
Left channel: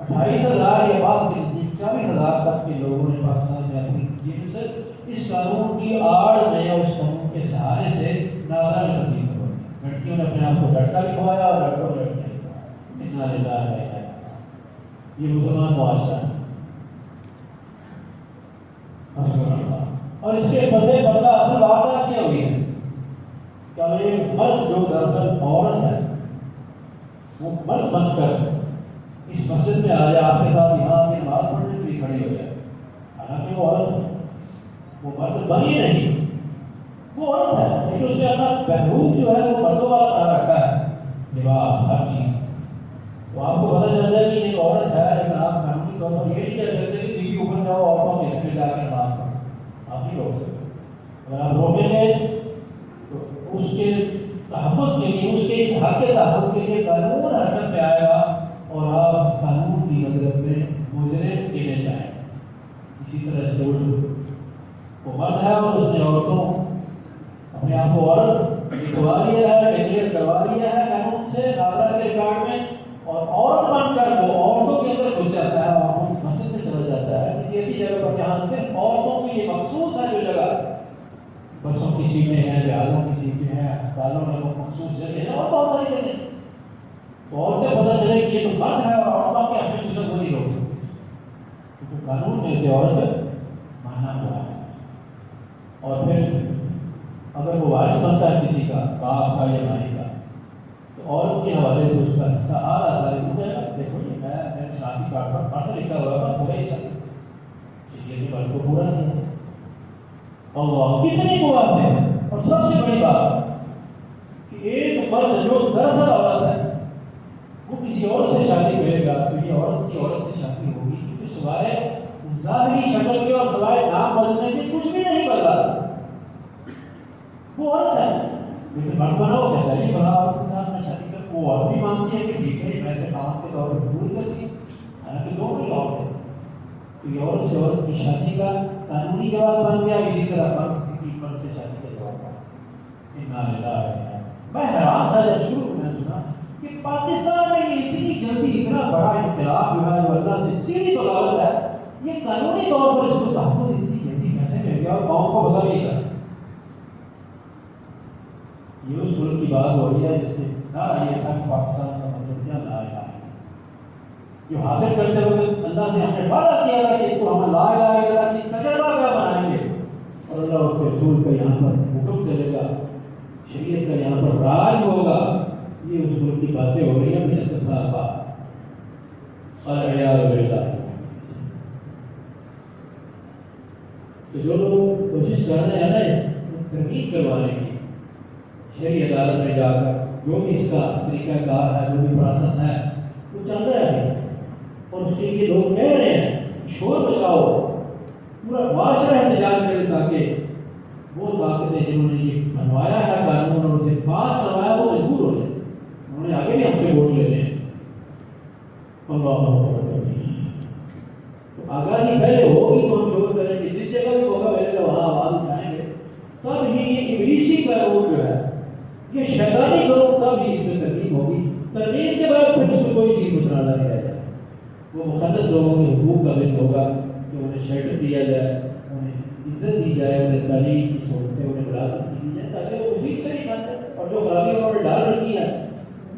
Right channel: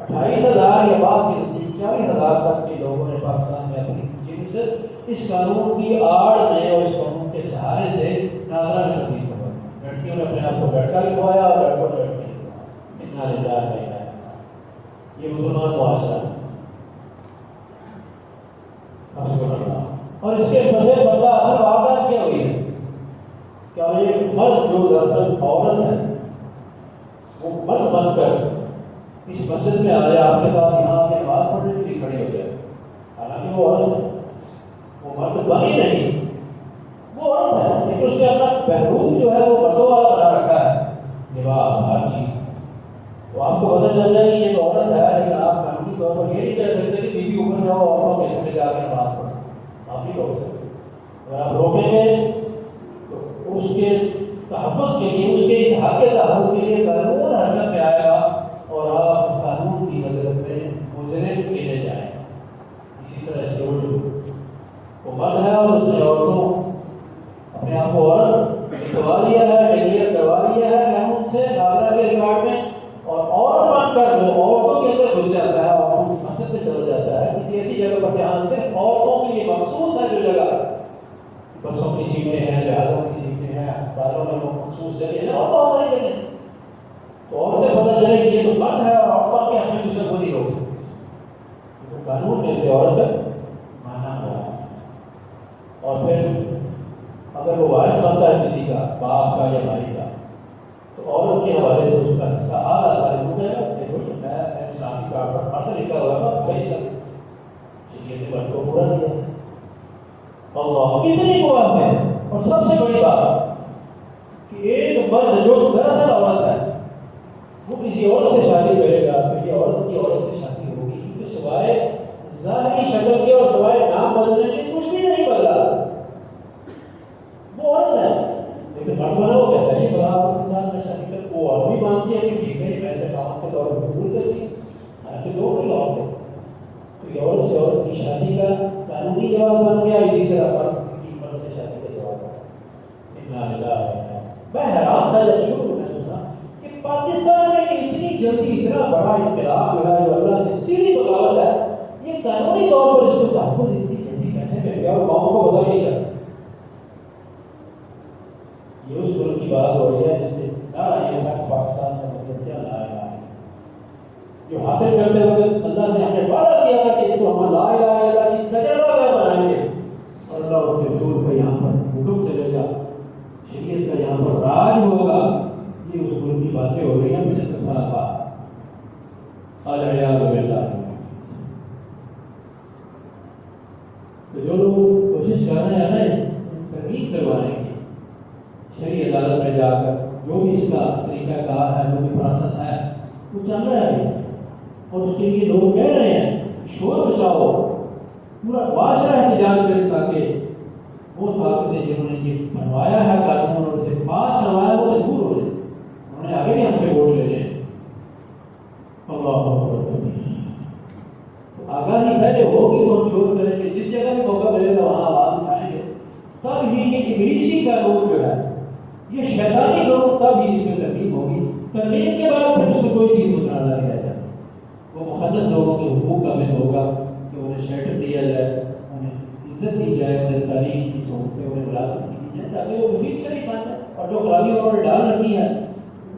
28,000 یا بعد کے نزدیک 40,000 تک کے لوگوں نے پاکستان میں اپنی جنس اس قانون کی آڑ میں اور اس قانون کے سہارے سے ناظرہ میں تبدیل کروائی۔ لڑکیوں نے اپنے آپ کو لڑکا لکھوایا اور لڑکوں نے لڑکیاں لکھوایا۔ اتنا للہ ہے یہ مسلمان معاشرہ ہے۔ اور اس کے فضے بدلہ اصل واقعات کیا ہوئی ہے؟ کیا یہ مرد جو دراصل عورت ہے وہ مرد بن کر اس مسجد میں آیا، آپ کے ساتھ یہاں سے نماز پڑھنے کے لیے کھڑے ہو گیا، حالانکہ وہ عورت ہے، وہ مرد بنی نہیں، وہ عورت ہے، لیکن اس نے اپنا پہلو جو ہے وہ مردوں والا بنا رکھا ہے، لباس ہر چیز۔ تو آپ کو پتہ چل جائے کہ یہ عورت ہے، لیکن آپ قانونی طور پر یہ نہیں کہہ سکتے کہ بیوی اوپر جاؤ عورتوں کے حصے میں جا کے نماز پڑھو، آپ نہیں روک سکتے۔ اگر آپ روکیں گے تو اس کے تحفظ کے لیے، اس کے اس حق کے تحفظ کے لیے قانون حرکت میں آئے گا اور آپ قانون کی نظر میں مجرم کیے جائیں۔ اسی طرح اسٹوڈنٹ وہ مرد ہے اور اس نے عورتوں اپنے آپ کو عورت لکھوا لیا ہے، کلیئر کروا لیا ہے قانون سے ناظرہ کے ریکارڈ میں، اور عورت بن کر وہ عورتوں کے اندر گھس جاتا ہے اور مسجد سے چلا جاتا ہے کسی ایسی جگہ پر جہاں صرف عورتوں کے لیے مخصوص ہے، جو جگہ بسوں کی سیٹیں ہیں، جہازوں کی سیٹیں ہیں، اسپتالوں میں وہ مخصوص جگہ ہے اور بہت ساری جگہ، تو عورتیں پتہ چلے کہ یہ تو بند ہے اور عورتوں کے ہمیں دوسرے کو نہیں روک سکتے، تو قانون میں سے عورت مانا ہوا ہے۔ اور پھر اگر وہ وارث بنتا ہے کسی کا، باپ کا یا بھائی کا، تو عورت کے حوالے سے اس کا حصہ آدھا ہو جائے گا۔ دیکھو جی میں اسلامی کارڈ پر پڑھا لکھا ہوا تھا، پورا حصہ لیکن بل کو پورا نہیں ہے، اللہ کتنی بات ہے۔ اور سب سے بڑی بات کہ ایک مرد جو دراصل عورت ہے وہ کسی اور سے شادی کرے گا، کسی عورت کی عورت سے شادی ہوگی، کیونکہ سوائے ظاہری شکل کے اور سوائے نام بدلنے کے کچھ بھی نہیں بدلا، وہ عورت ہے۔ لیکن مرد وہ کہتا ہے میں شادی کر، وہ عورت بھی مانتی ہے کہ ٹھیک ہے ویسے کام کے طور پر قبول کرتی ہے، حالانکہ دو کوئی عورت ہے، کوئی عورت سے عورت کی شادی کا قانونی جواب بن گیا، اسی طرح مرد کی مرد سے شادی کا جواب ہے۔ میں حیران تھا جب شروع ہونا سنا کہ پاکستان میں اتنی جلدی اتنا بڑا انقلاب جو ہے وہ اللہ سے سیدھی بغاوت ہے، یہ قانونی طور پر اس کو تحفظ اتنی جلدی کیسے مل گیا اور قوم کو پتا نہیں چلا۔ یہ اس ملک کی بات ہو رہی ہے جس نے کہا یہ تھا کہ پاکستان کا مطلب کیا لا الہ جو حاصل کرتے ہوئے اللہ نے ہمیں وعدہ کیا تھا کہ اس کو ہم لا الہ الا اللہ کی تجربہ کا بنائیں گے، اور اللہ اس کے رسول کا یہاں پر حکم چلے گا، شریعت کا یہاں پر راج ہوگا۔ یہ اس ملک کی باتیں ہو رہی ہیں میں نے کہا اور عیاذ باللہ۔ تو جو لوگ کوشش کر رہے ہیں نا ترغیب کروانے کی شرعی عدالت میں جا کر، جو بھی اس کا طریقہ کار ہے، جو بھی پروسیس ہے وہ چل رہا ہے، اور اس کے لیے لوگ کہہ رہے ہیں شور بچاؤ، پورا معاشرہ احتجاج کرے تاکہ وہ طاقتیں جنہوں نے یہ بنوایا ہے قانون اور اسے پاس کروایا وہ مجبور ہو جائے، انہوں نے آگے بھی ہم سے ووٹ لینے ہیں۔ اللہ تو آگاہی پہلے ہوگی تو ہم شور کریں گے، جس جگہ بھی موقع ملے گا وہاں آواز اٹھائیں گے، تب ہی یہ ابلیسی کا روپ جو ہے، یہ شیطانی روپ، تب ہی اس میں ترغیب ہوگی۔ ترغیب کے بعد پھر اس کو کوئی چیز مسئلہ نہیں رہ جائے، وہ مقدس لوگوں کے حقوق کا دن ہوگا کہ انہیں شیلٹر دیا جائے، انہیں عزت دی جائے، انہیں تعلیم کی سہولتیں، انہیں ملازمت دی جائے تاکہ وہ مفید سے ہی بن جائے، اور جو خرابی انہوں نے ڈال رکھی ہے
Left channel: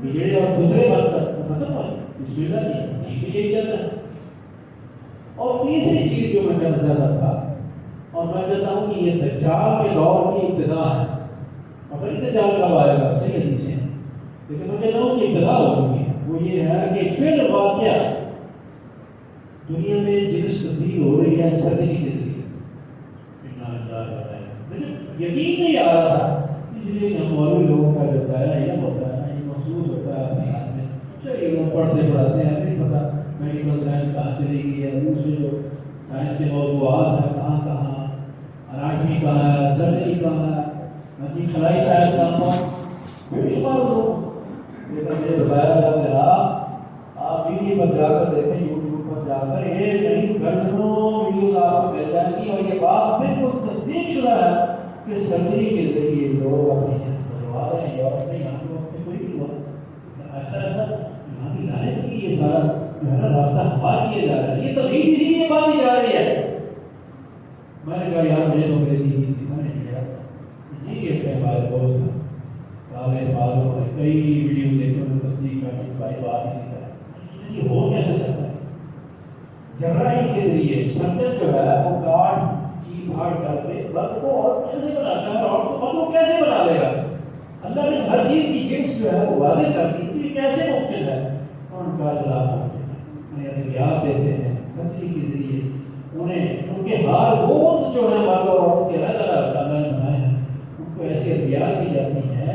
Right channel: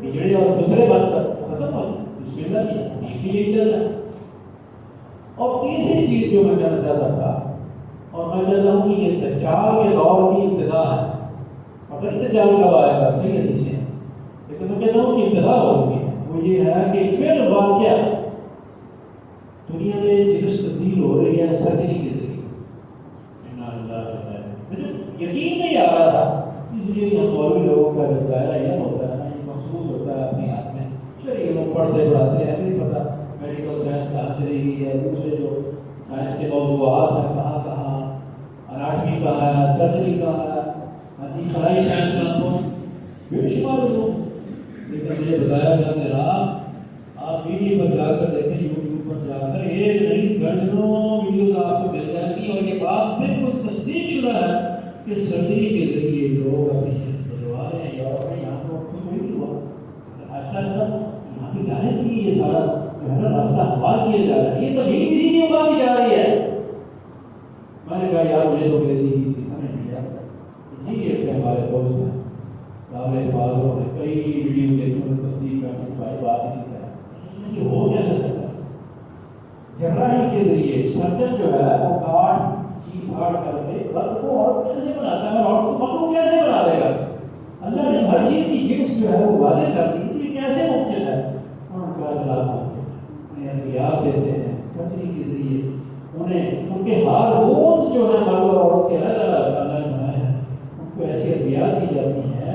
بجڑے اور دوسرے بات پر وہ ختم ہو جائے، بسم اللہ نہیں یہی چل رہا ہے۔ اور تیسری چیز جو میں کہنا چاہتا تھا، اور میں کہتا ہوں کہ یہ دجال کے دور کی ابتدا ہے، مگر دجال کب آئے گا صحیح حدیث ہے، لیکن میں کہتا ہوں کہ ابتدا ہوگی، وہ یہ ہے کہ پھر واقعہ دنیا میں جنس تبدیل ہو رہی ہے سرجری کے ذریعے، مجھے یقین نہیں آ رہا تھا، اس لیے کہ ہم مولوی لوگوں کا جو دائرہ علم ہوتا ہے نا، یہ محسوس ہوتا ہے اپنے آپ میں، چلیے لوگ پڑھتے پڑھاتے ہیں، نہیں پتا میڈیکل سائنس کہاں چلی گئی ہے، دوسرے جو سائنس کے موضوعات ہیں کہاں کہاں، اناٹمی کہاں ہے، سرجری کہاں ہے، خلائی سائنس کا بے شمار لوگ، لیکن مجھے بتایا گیا کہ آپ ویڈیو پر جا کر دیکھیں، یوٹیوب پر جا کر ایک نہیں درجنوں ویڈیوز آپ کو مل جائیں گی، اور یہ بات بالکل تصدیق شدہ ہے کہ سرجری کے ذریعے لوگ اپنی جنس بدلوا رہے ہیں، اور اپنے یہاں کو کوئی بھی ہوا ایسا یہاں کی ظاہر کی یہ سارا جو ہے نا راستہ ہموار کیا جا رہا ہے، یہ تو نہیں کسی کی بات ہی جا رہی ہے۔ میں نے کہا یار مجھے تو میری دکھا نہیں گیا، اسی لیے ہمارے دوست نے کئی ویڈیو دیکھنے میں تصدیق کرنے بھائی بات اسی طرح یہ ہو کیسے سکتا ہے۔ جراحی کے ذریعے سرجن جو ہے وہ کاٹ چیز پھاڑ کر کے رد کو اور کیسے بناتا ہے اور کو کیسے بنا دے گا، اللہ نے ہر چیز کی جنس جو ہے وہ واضح کر دی، یہ کیسے ممکن ہے، اور ان کا انہیں ادویات دیتے ہیں سرجری کے ذریعے، انہیں ان کے ہارمونز جو ہے مرد اور عورت کے الگ الگ اللہ نے بنائے ہیں، ان کو ایسی ادویات دی جاتی ہیں،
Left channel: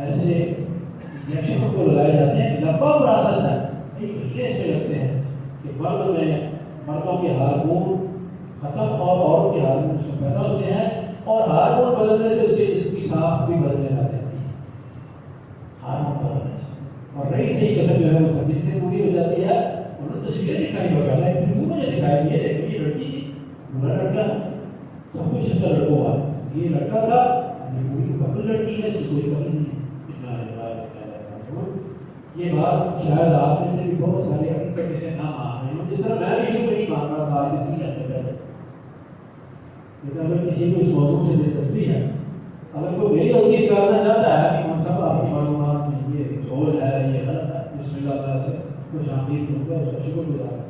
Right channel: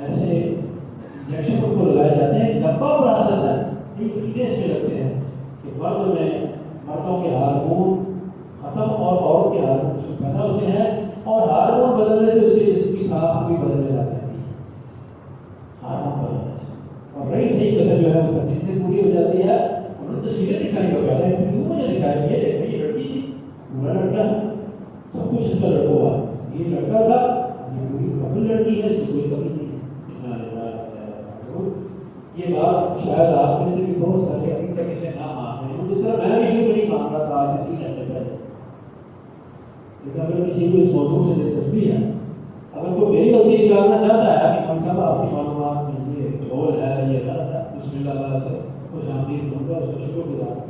ایسے انجیکشنوں کو لگائے جاتے ہیں، لمبا پروسیس ہے، ایک مہینے سے لگتے ہیں کہ مرد میں مردوں کے ہارمون ختم اور عورت کے ہارمون سے پیدا ہوتے ہیں، اور ہارمون بدلنے سے اس کے جسم کی ساخت بھی بدلنے لگ جاتی ہے، ہارمون بدلنے سے، اور رہی صحیح قدر جو ہے وہ سب سے پوری ہو جاتی ہے۔ انہوں نے تصویریں دکھائی ہو گیا ہے، مجھے دکھائی یہ دیکھیے لڑکی تھی، بڑا لڑکا سب کچھ اس کا لڑکا ہوا، یہ لڑکا تھا پوری قبل لڑکی ہے، اس کی کوئی قبل نہیں۔ یہ بات شاید آپ میں سے بھی بہت سارے ابھی تک اسے نہ مان رہے ہیں، جس طرح میں بھی نہیں مان رہا تھا آج سے 3 ہفتے پہلے، لیکن اگر کسی کو اس موضوع سے دلچسپی ہے، اگر کوئی میری غلطی کرنا چاہتا ہے کہ ہم سب آپ کی معلومات میں یہ جھول ہے، یہ غلط ہے، بسم اللہ تعالیٰ سے کچھ آمدید دوں گا، اس کا شکر گزار ہوں،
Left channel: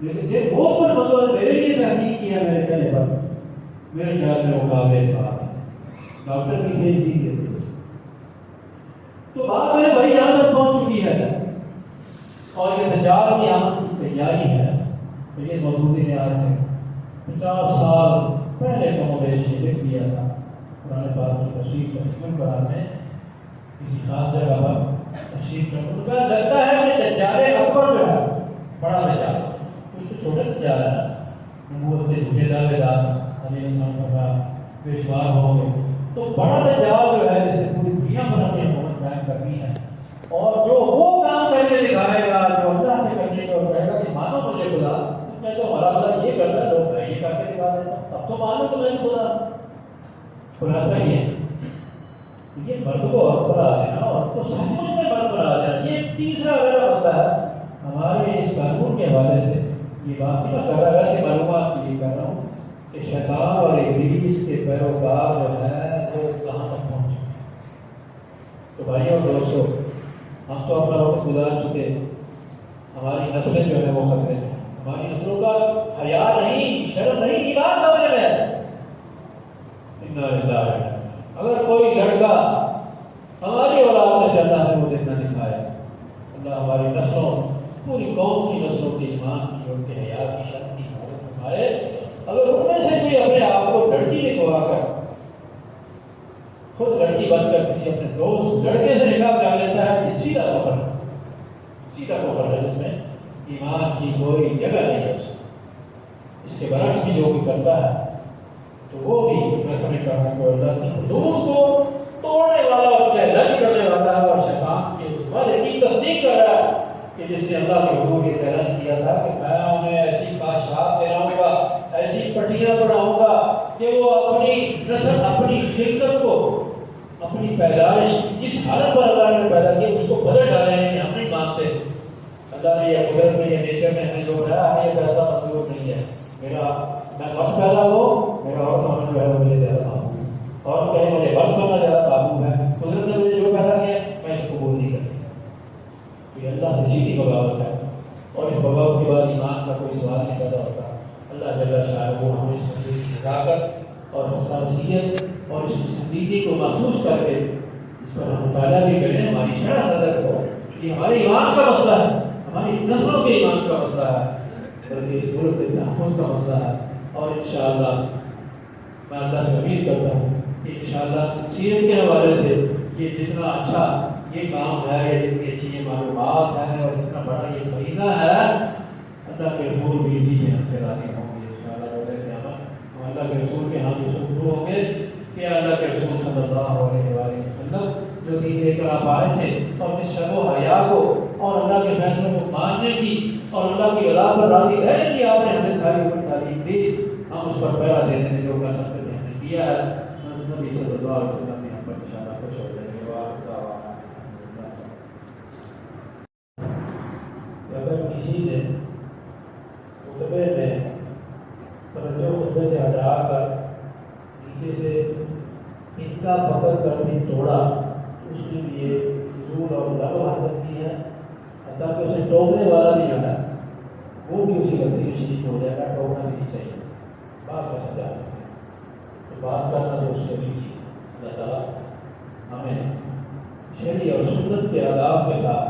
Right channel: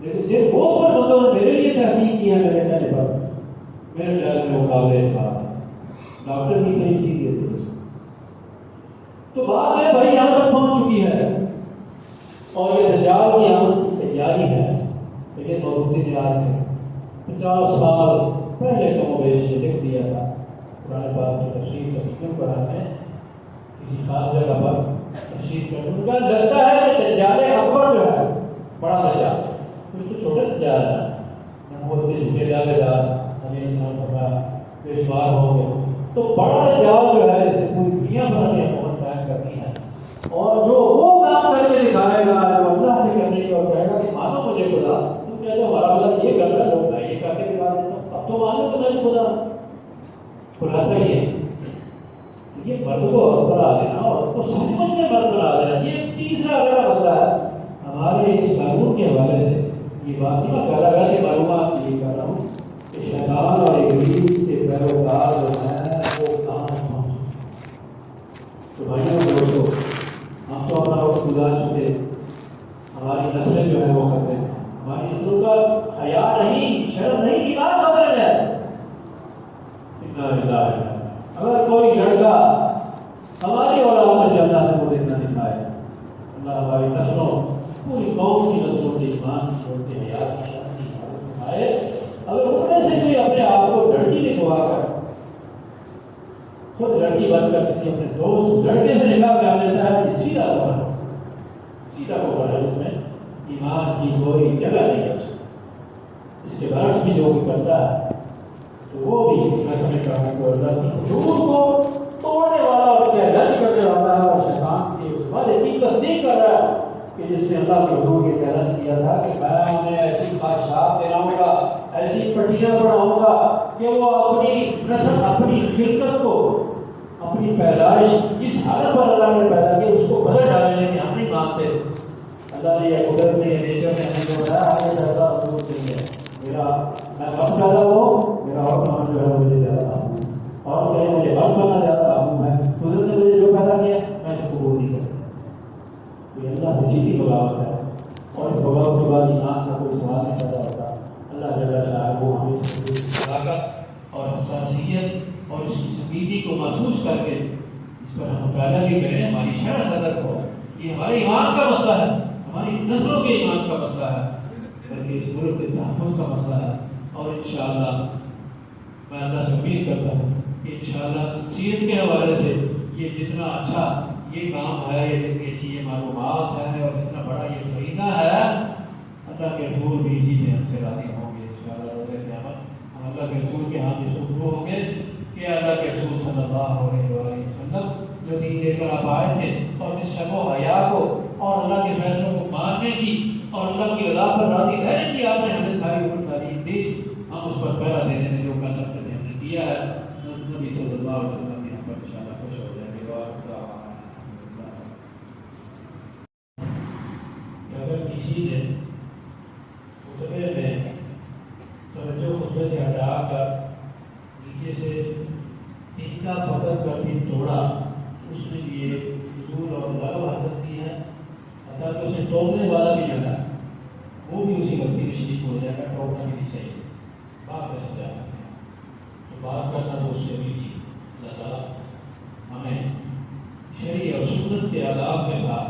لیکن جن بہت پر بندوں نے میرے لیے تحقیق کیا میرے کہنے پر، میرے خیال میں مقابلے تھا ڈاکٹر بھی کہیں چیز دیتے، تو بات ہے بھائی یہاں تک پہنچ چکی ہے، اور یہ دجال کی آمد کی تیاری ہے، تو یہ موجودی نے آج سے 50 سال پہلے تو مویش لکھ دیا تھا قرآن پاک کی تشریح کرنے قرآن میں کسی خاص جگہ پر تشریح کرنے کا لگتا ہے کہ دجال اکبر جو ہے بڑا دجال، کچھ تو چھوٹا دجال ہے، نبوت سے جھوٹے دعوے دار ہمیں انسان کا پیشوار ہو گئے، تو بڑا دجال جو ہے جسے پوری دنیا بنا کے حکومت قائم کرنی ہے، اور جو وہ کام کر کے دکھائے گا جو اللہ سے کرنے کا کہے گا کہ مانو مجھے خدا، تم کہتے ہو ہمارا خدا یہ کرتا ہے، لوگ میں یہ کر کے دکھا دیتا ہوں، اب تو مانو تو نہیں خدا، خلاصہ یہ ہے یہ مرد کو عورت پر آ دینا اور کو سچ مچ میں مرد بنا دینا، یہ تیسرا اگلا مسئلہ ہے ہمارے اس قانون کے حوالے سے۔ یہ بات نہیں میں کہہ رہا ویسے معلومات کے لیے کر رہا ہوں کہ شیطان اور ابلیس کے پیروکار جو ہیں وہ کہاں تک پہنچے۔ تو بھائیوں دوستو، ہم تو اپنا وقت گزار چکے، ہماری نسلیں جو ہے وہ خطرے میں، ہماری نسلوں کا حیا نہیں، شرم نہیں، ایمان خطرے میں ہے۔ اگر کوئی لڑکا ہماری اولاد میں اللہ سے وہ دیکھنا دکھائے، اللہ ہماری نسلوں پوری قوم کی نسلوں کے ایمان کی اور کے حیا کی شرم کی حفاظت فرمائے۔ اگر ان میں سے کوئی اپنے آپ کو لڑکی لکھوا کر خود لڑکی بن کر کسی اپنے دوست لڑکے سے نکاح کر لیتا ہے، یہ سیدھا کفر ہے، اس میں ایمان کی کوئی جگہ نہیں ہے۔ اس کے برعکس بھی جو بھی کرتا ہے تو وہ بھی میں سمجھتا ہوں کہ اللہ کی حدود کو توڑنے والا اور چیلنج کرنے والا ہے، اور شیطان کے اس وعدے کی تصدیق کر رہا ہے کہ جس نے اللہ کے حضور یہ چیلنج کیا تھا کہ میں انہیں ایسی خواہشات دلاؤں گا، ایسی پٹیاں بڑھاؤں گا کہ وہ اپنی نسل، اپنی خلقت کو، اپنی پیدائش جس حالت پر اللہ نے پیدا کی اس کو بدل ڈالیں گے کہ ہم نہیں مانتے۔ اللہ نے یہ قدرت میں، یہ نیچر میں ہمیں جو بتایا ہمیں یہ پیسہ ضرورت نہیں ہے، میں مرد پیدا ہوں، میرا اور کام جو ہے مجھے زیادہ قابو، اور کہیں مجھے بند کرنا زیادہ قابو ہے، قدرت نے مجھے جو پیدا کیا میں اس کو قبول نہیں کرتا۔ یہ اللہ سے سیدھی بغاوت ہے، اور اس بغاوت کے بعد ایمان کا کوئی سوال نہیں پیدا ہوتا۔ اللہ جل شاہ وہ ہمیں اس طاقت اور حساسیت اور اس کی سنجیدگی کو محسوس کر کے اس پر ہم مطالعہ بھی کریں، ہماری شرح صدق ہو۔ یہ ہمارے ایمان کا مسئلہ ہے، ہماری نسلوں کے ایمان کا مسئلہ ہے، بلکہ اس ملک کے تحفظ کا مسئلہ ہے۔ اور انشاءاللہ میں اللہ سے امید کرتا ہوں کہ انشاءاللہ سیرت کے حوالے سے یہ جتنا اچھا یہ کام ہے، یہ جتنی اچھی یہ معلومات ہیں اور جتنا بڑا یہ فریضہ ہے، اللہ کے رسول بھی اسی میں ہم سے راضی ہوں گے انشاءاللہ روز قیامت۔ ہم اللہ کے رسول کے ہاں جو شروع ہوں گے کہ اللہ کے رسول صلی اللہ علیہ وسلم جو دین لے کر آپ آئے تھے، اور اس شرم و حیا کو اور اللہ کے فیصلوں کو ماننے کی اور اللہ کی رضا پر راضی رہنے کی آپ نے ہمیں ساری اپنی تعلیم دی، ہم اس پر پہلا دینے میں جو کر سکتے تھے ہم نے کیا ہے۔ نبی صلی اللہ علیہ وسلم نے ہم پر انشاءاللہ خوش ہو جائے گا۔ اگر کسی نے خطبے میں توجہ خطبے سے ہٹا کر نیچے سے اتنا پکڑ کر بھی توڑا، اس کے لیے فضول اور لغو حرکت کی ہے، حتیٰ کہ اسے ٹوکنے والا بھی نہ ہے، وہ بھی اسی غلطی میں شریک ہو جائے گا۔ ٹوکنا بھی نہیں چاہیے، بات کا سجا ہے تو بات کرنا تو اس سے بھی چیز۔ اللہ تعالیٰ ہمیں شرعی اور سنت کے آداب کے ساتھ